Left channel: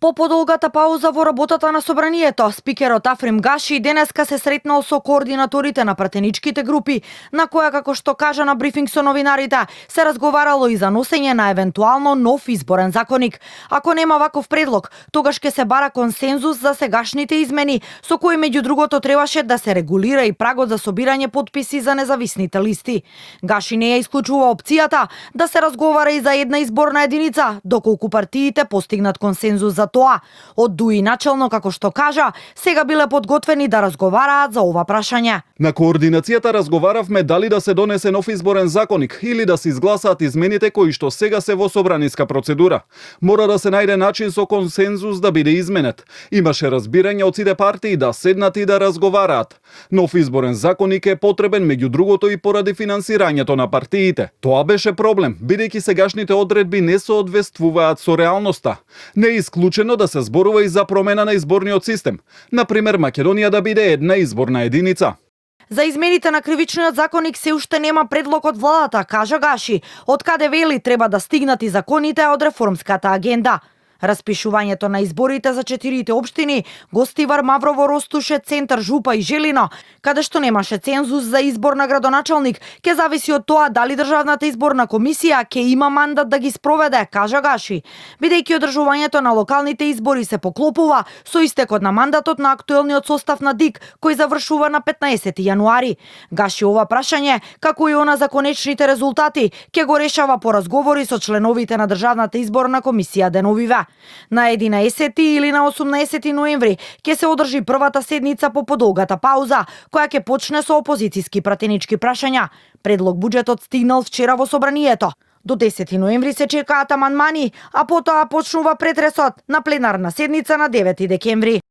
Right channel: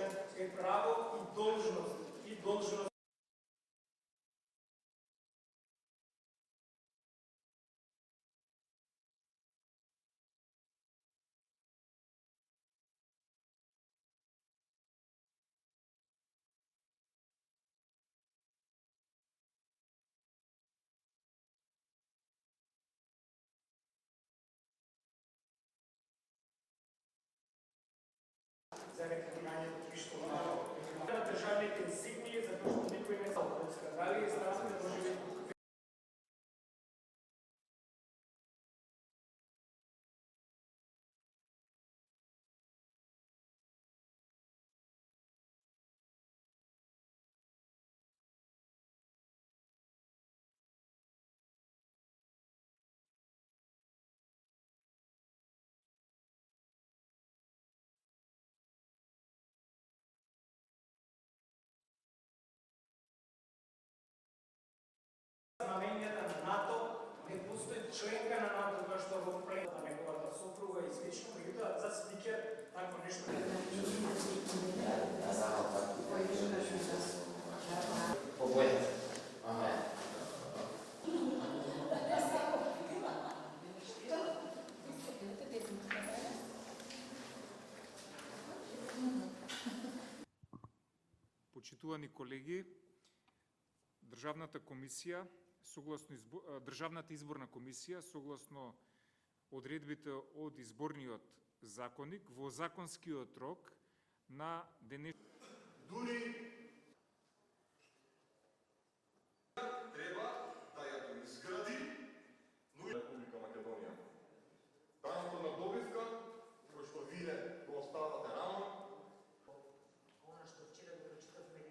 По подолгата пауза во работата на собранието, спикерот Африм Гаши денеска се сретнал со координаторите на пратеничките групи, на која, како што кажа на брифинг со новинарите, се разговарало и за носење на евентуално нов изборен законник. Ако нема ваков предлог, тогаш ќе се бара консензус за сегашните измени, со кои меѓу другото требаше да се регулира и прагот за собирање потписи за независните листи. Гаши не ја исклучува опцијата да се разговара и за една изборна единица, доколку партиите постигнат консензус за тоа. Од ДУИ начелно, како што кажа, сега биле подготвени да разговараат за ова прашање. На координацијата разговаравме дали да се донесе нов изборен законник или да се изгласаат измените кои што сега се во собраниска процедура. Мора да се најде начин со консензус да биде изменет. Имаше разбирање од сите партии да седнат и да разговараат. Нов изборен законник е потребен меѓу другото и поради финансирањето на партиите. Тоа беше проблем, бидејќи сегашните одредби не соодветствуваат со реалноста. Не е исклучено да се зборува и за промена на изборниот систем. Например, Македонија да биде една изборна единица. За измените на кривичниот законник се уште нема предлог од владата, кажа Гаши, од каде вели треба да стигнат и законите од реформската агенда. Распишувањето на изборите за 4 општини, Гостивар, Маврово, Ростуше, Центар, Жупа и Желино, каде што немаше цензус за избор на градоначалник, ќе зависи од тоа дали Државната изборна комисија ќе има мандат да ги спроведе, кажа Гаши, бидејќи одржувањето на локалните избори се поклопува со истекот на мандатот на актуелниот состав на ДИК, кој завршува на 15 јануари. Гаши ова прашање, како и она за конечните резултати, ќе го решава по разговори со членовите на Државната изборна комисија деновиве. На 11 или на 18 ноември ќе се одржи првата седница по подолгата пауза, која ќе почне со опозициски пратенички прашања. Предлог буџетот стигнал вчера во собранието. До 10 ноември се чекаат амандмани, а потоа почнува претресот на пленарна седница на 9 декември.